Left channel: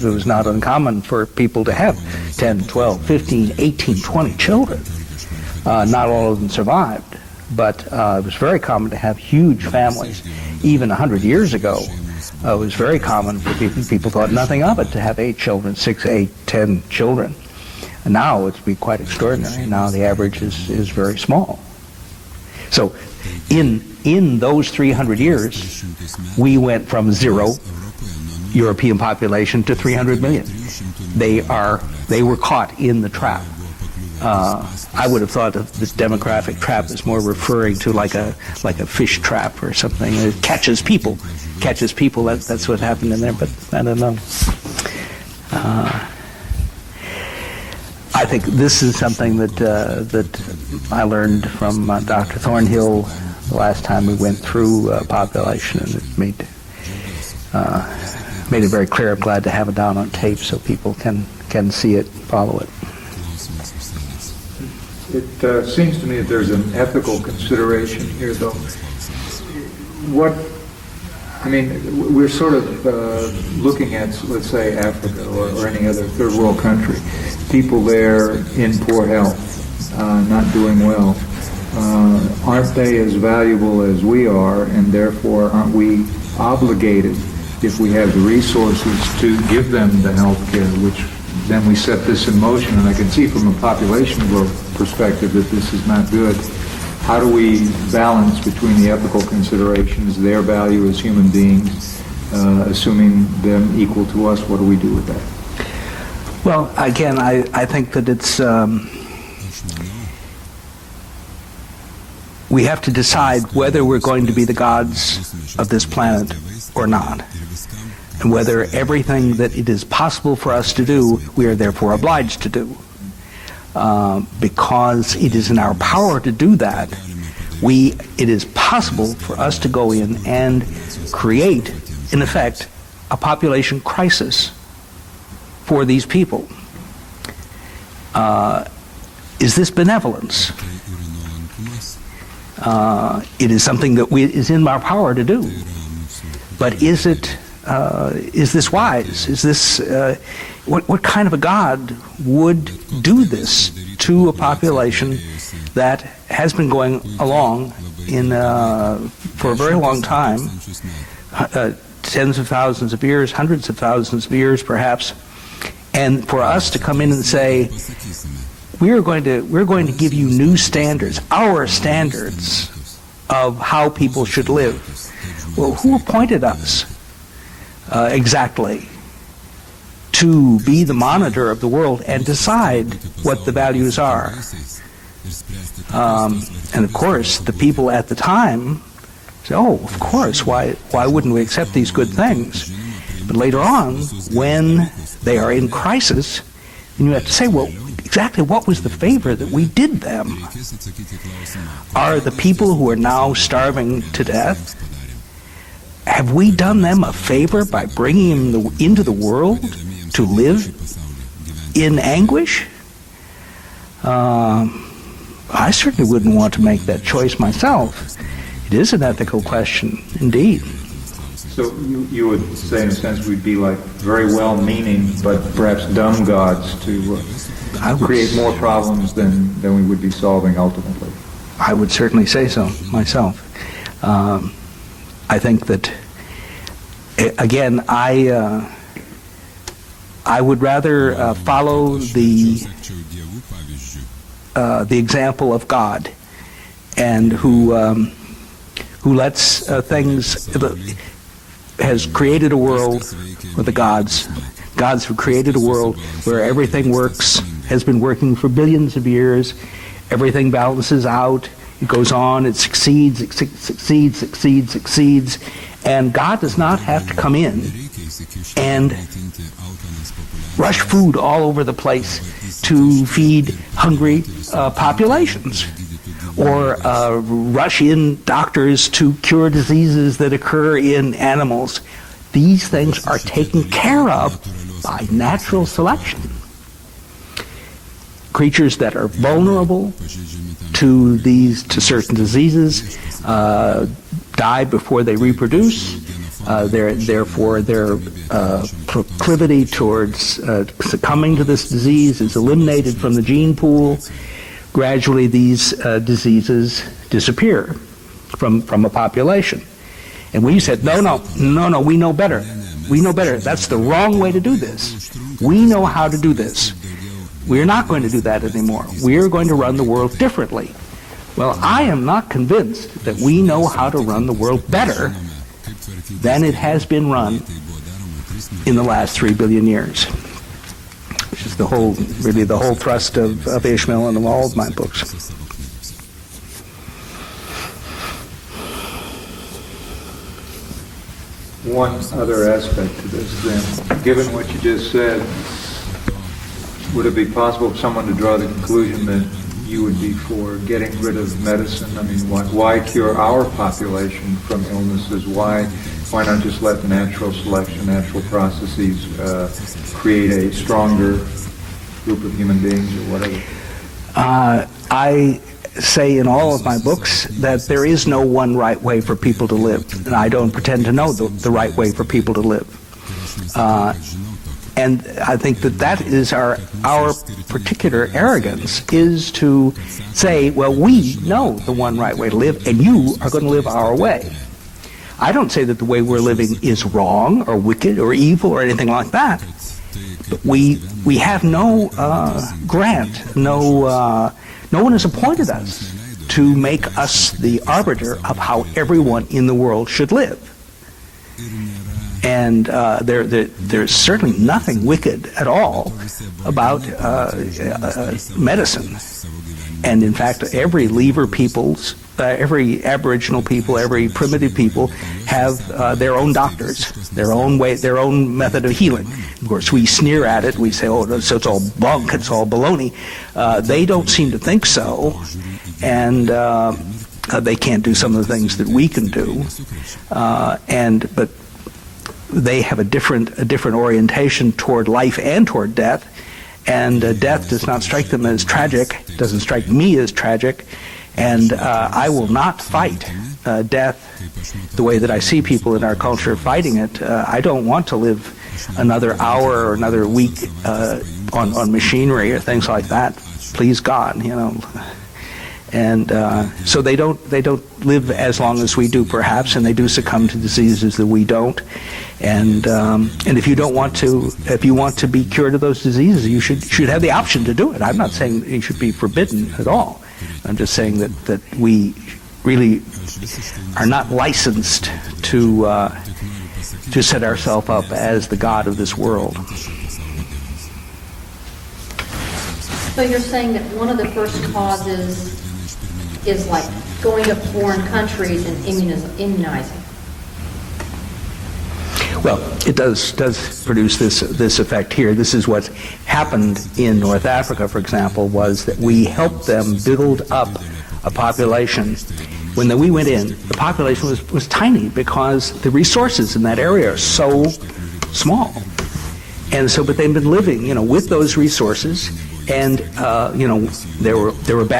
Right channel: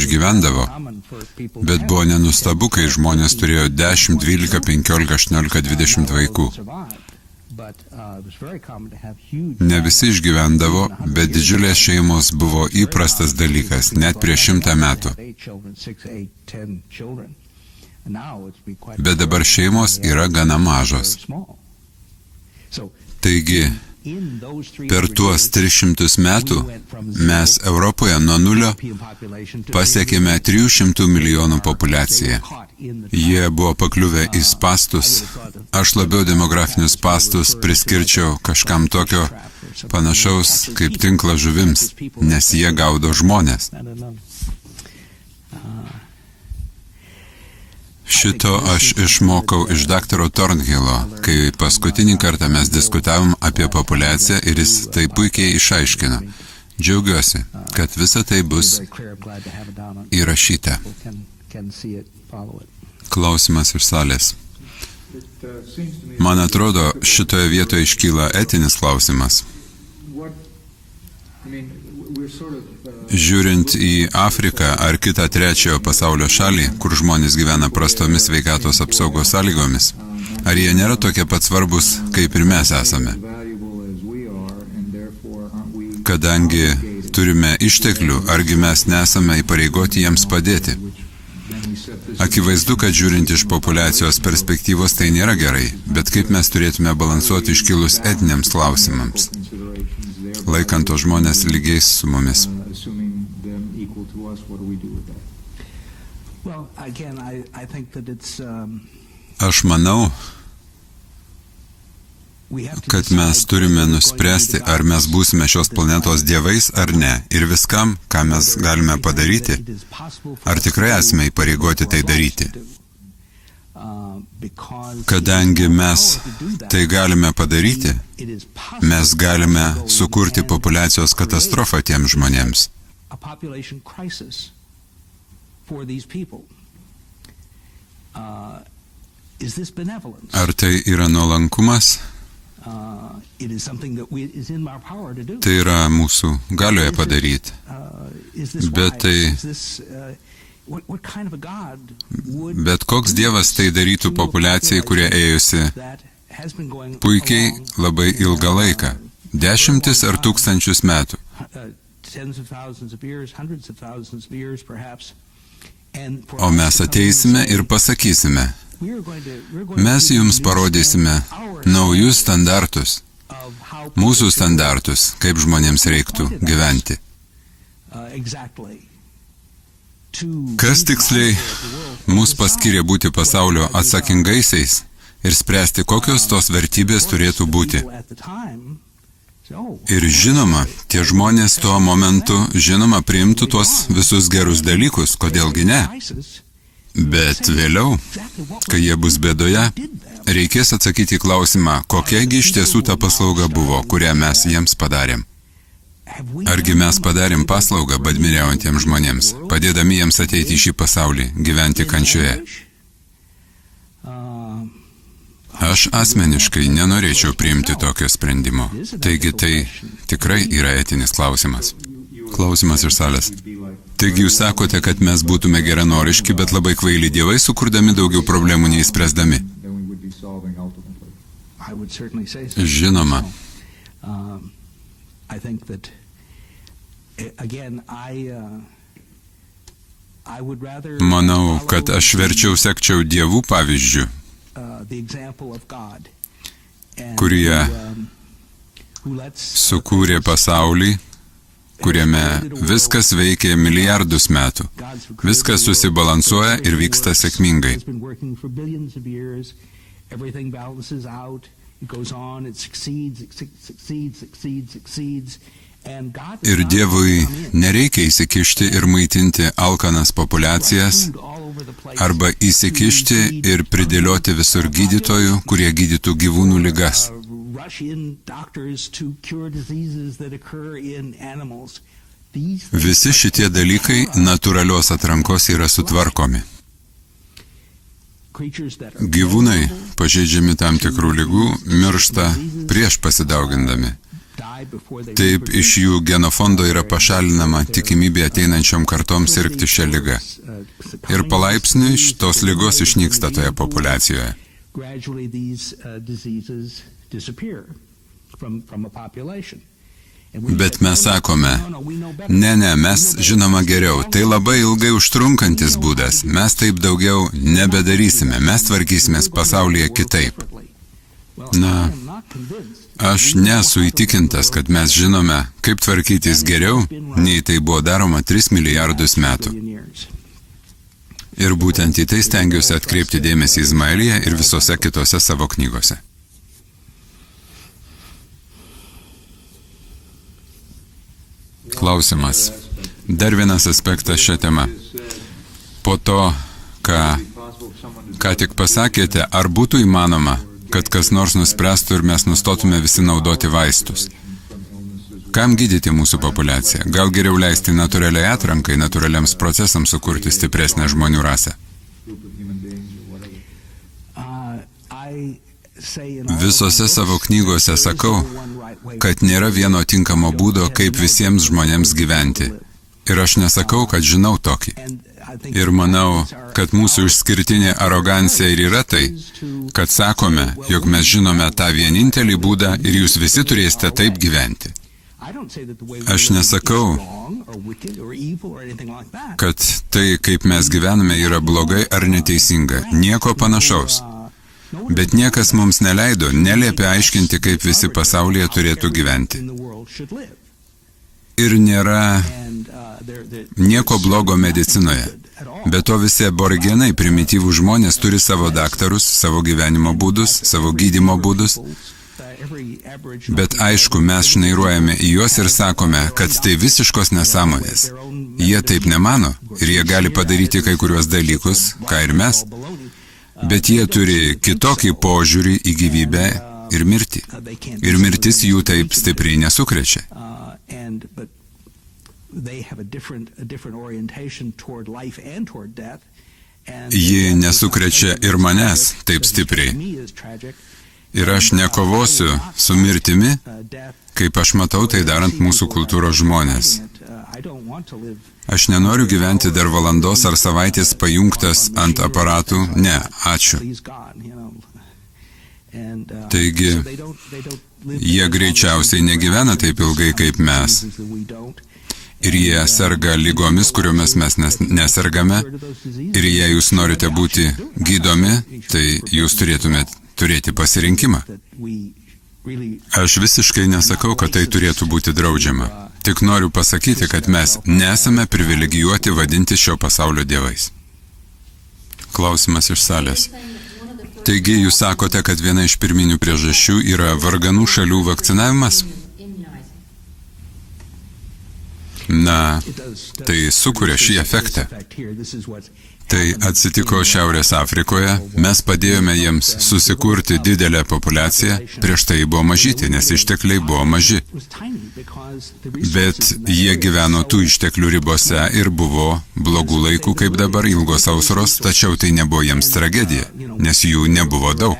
išgyvendavo, bet buvo nenustabu, kai žmonės turėjo 10, 12, 15, 18, 20 vaikų. Ne visi išgyvendavo, bet didžiulės šeimos buvo įprastas dalykas, net prieš 100 metų. Bet dabar šeimos yra gana mažos. Taigi, per tuos 300 metų mes Europoje nuo nulio pasiekėme 300 milijonų populiaciją. Jie buvo pakliuvę į spastus. Aš labiau demografinius spastus priskirčiau kažkam tokio panašaus kaip tinklas žuvims, nes jie gaudo žmonės. Šito aš išmokau iš daktaro Thornhillo, kai paskutinį kartą mes diskutavom apie populiaciją ir jis tai puikiai išaiškino. Džiaugiuosi, kad visa tai bus įrašyta. Klausimas iš salės. Man atrodo, šitoje vietoje iškyla etinis klausimas. Žiūrint į Afriką ar kitą trečiojo pasaulio šalį, kur žmonės gyvena prastomis sveikatos apsaugos sąlygomis, ar jie nėra tokie pat svarbus, kaip ir mes esame? Kadangi turime išteklių, argi mes nesame įpareigoti jiems padėti? Akivaizdu, kad žiūrint iš populiacijos perspektyvos tai nėra gerai, bet kaip mes turėtume balansuoti iškilus etiniams klausimams, laikant tos žmonės lygiais su mumis. Aš manau, kad mes turime nuspręsti, ar mes būsime šios planetos dievais ar ne, ir viskam, ką mes galime padaryti, ar tikrai esame įpareigoti tai daryti. Kadangi mes tai galime padaryti, mes galime sukurti populiacijos katastrofą tiems žmonėms. Ar tai yra nuolankumas? Tai yra mūsų galioje padaryti. Bet koks dievas tai darytų populiacijai, kurie ėjusi puikiai labai ilgą laiką, dešimtis ar tūkstančius metų. O mes ateisime ir pasakysime, mes jums parodysime naujus standartus, mūsų standartus, kaip žmonėms reiktų gyventi. Kas tiksliai mus paskiria būti pasaulio atsakingaisiais ir spręsti, kokios tos vertybės turėtų būti. Ir žinoma, tie žmonės tuo momentu, žinoma, priimtų tuos visus gerus dalykus, kodėlgi ne. Bet vėliau, kai jie bus bėdoje, reikės atsakyti į klausimą, kokiagi iš tiesų ta paslauga buvo, kurią mes jiems padarėm. Argi mes padarėm paslaugą badmiriaujantiems žmonėms, padėdami jiems ateiti į šį pasaulį, gyventi kančioje? Aš asmeniškai nenorėčiau priimti tokio sprendimo. Taigi tai tikrai yra etinis klausimas. Klausimas iš salės. Taigi jūs sakote, kad mes būtume geranoriški, bet labai kvaili dievai, sukurdami daugiau problemų neįspręsdami. Žinoma. Manau, kad aš verčiau sekčiau dievų pavyzdžių, kurie sukūrė pasaulį, kuriame viskas veikia milijardus metų. Viskas susibalansuoja ir vyksta sėkmingai. Ir Dievui nereikia įsikišti ir maitinti alkanas populiacijas arba įsikišti ir pridėlioti visur gydytojų, kurie gydytų gyvūnų ligas. Visi šitie dalykai natūralios atrankos yra sutvarkomi. Gyvūnai, pažeidžiami tam tikrų ligų, miršta prieš pasidaugindami. Taip, iš jų genofondo yra pašalinama tikimybė ateinančiom kartom sirgti šią ligą. Ir palaipsniui šitos ligos išnyksta toje populiacijoje. Gradually these diseases disappear from a population. Bet mes sakome, ne, mes žinoma geriau, tai labai ilgai užtrunkantis būdas, mes taip daugiau nebedarysime, mes tvarkysimės pasaulyje kitaip. Aš nesu įtikintas, kad mes žinome, kaip tvarkytis geriau, nei tai buvo daroma 3 milijardus metų. Ir būtent į tai stengiuosi atkreipti dėmesį Izmaelyje ir visose kitose savo knygose. Klausimas. Dar vienas aspektas šią temą. Po to, ką tik pasakėte, ar būtų įmanoma, kad kas nors nuspręstų ir mes nustotume visi naudoti vaistus? Kam gydyti mūsų populiaciją? Gal geriau leisti natūraliai atrankai, natūraliams procesams sukurti stipresnę žmonių rasę? Visose savo knygose sakau, kad nėra vieno tinkamo būdo, kaip visiems žmonėms gyventi. Ir aš nesakau, kad žinau tokį. Ir manau, kad mūsų išskirtinė arogancija ir yra tai, kad sakome, jog mes žinome tą vienintelį būdą ir jūs visi turėsite taip gyventi. Aš nesakau, kad tai, kaip mes gyvename, yra blogai ar neteisinga. Nieko panašaus. Bet niekas mums neleido, neliepė aiškinti, kaip visi pasaulyje turėtų gyventi. Ir nėra nieko blogo medicinoje. Be to visi aboriginai, primityvų žmonės turi savo daktarus, savo gyvenimo būdus, savo gydymo būdus. Bet aišku, mes šnairuojame į juos ir sakome, kad tai visiškos nesąmonės. Jie taip nemano ir jie gali padaryti kai kuriuos dalykus, ką ir mes. Bet jie turi kitokį požiūrį į gyvybę ir mirtį. Ir mirtis jų taip stipriai nesukrečia. Ji nesukrečia ir manęs taip stipriai. Ir aš nekovosiu su mirtimi, kaip aš matau tai darant mūsų kultūros žmonės. Aš nenoriu gyventi dar valandos ar savaitės pajungtas ant aparatų. Ne, ačiū. Taigi, jie greičiausiai negyvena taip ilgai kaip mes. Ir jie serga lygomis, kuriomis mes nesergame. Ir jei jūs norite būti gydomi, tai jūs turėtumėte turėti pasirinkimą. Aš visiškai nesakau, kad tai turėtų būti draudžiama. Tik noriu pasakyti, kad mes nesame privilegijuoti vadinti šio pasaulio dievais. Klausimas iš salės. Taigi jūs sakote, kad viena iš pirminių priežasčių yra varganų šalių vakcinavimas? Na, tai sukuria šį efektą. Tai atsitiko Šiaurės Afrikoje, mes padėjome jiems susikurti didelę populiaciją, prieš tai buvo mažyti, nes ištekliai buvo maži. Bet jie gyveno tų išteklių ribose ir buvo blogų laikų kaip dabar, ilgos sausros, tačiau tai nebuvo jiems tragedija, nes jų nebuvo daug.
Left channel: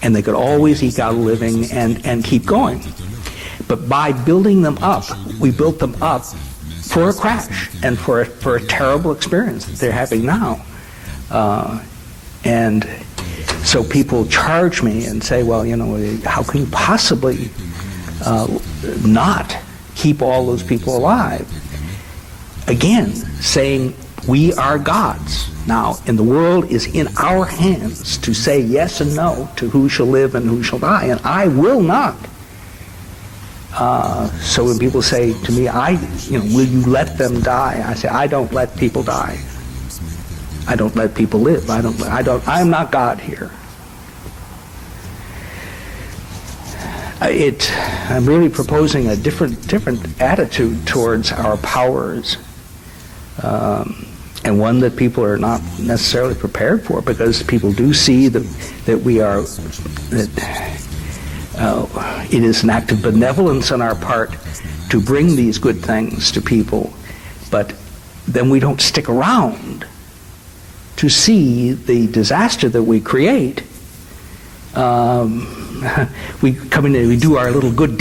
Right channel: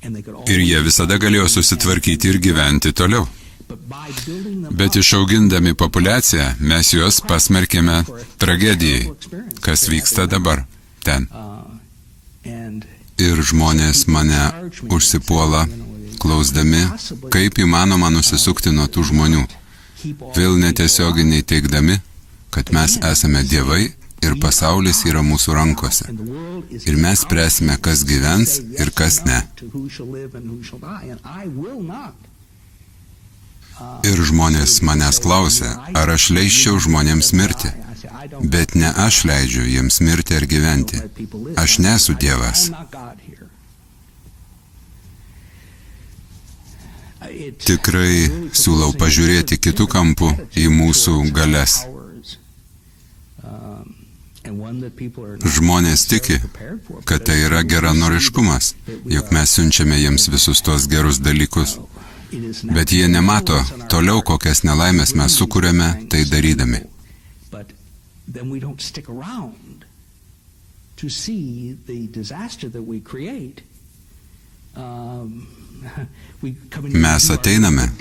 Ir jie visada galėjo susitvarkyti ir gyventi toliau. Bet išaugindami populiaciją, mes juos pasmerkėme tragedijai, kas vyksta dabar ten. Ir žmonės mane užsipuola, klausdami, kaip įmanoma nusisukti nuo tų žmonių. Vėl netiesioginiai teigdami, kad mes esame dievai ir pasaulis yra mūsų rankose. Ir mes spręsime, kas gyvens ir kas ne. Ir žmonės manęs klausia, ar aš leisčiau žmonėms mirti. Bet ne aš leidžiu jiems mirti ar gyventi. Aš nesu Dievas. Tikrai siūlau pažiūrėti kitų kampų į mūsų galias. Žmonės tiki, kad tai yra geranoriškumas, jog mes siunčiame jiems visus tos gerus dalykus, bet jie nemato toliau, kokias nelaimės mes sukūrėme tai darydami. to see the disaster that we create, we come in and we Mes do our little ateiname good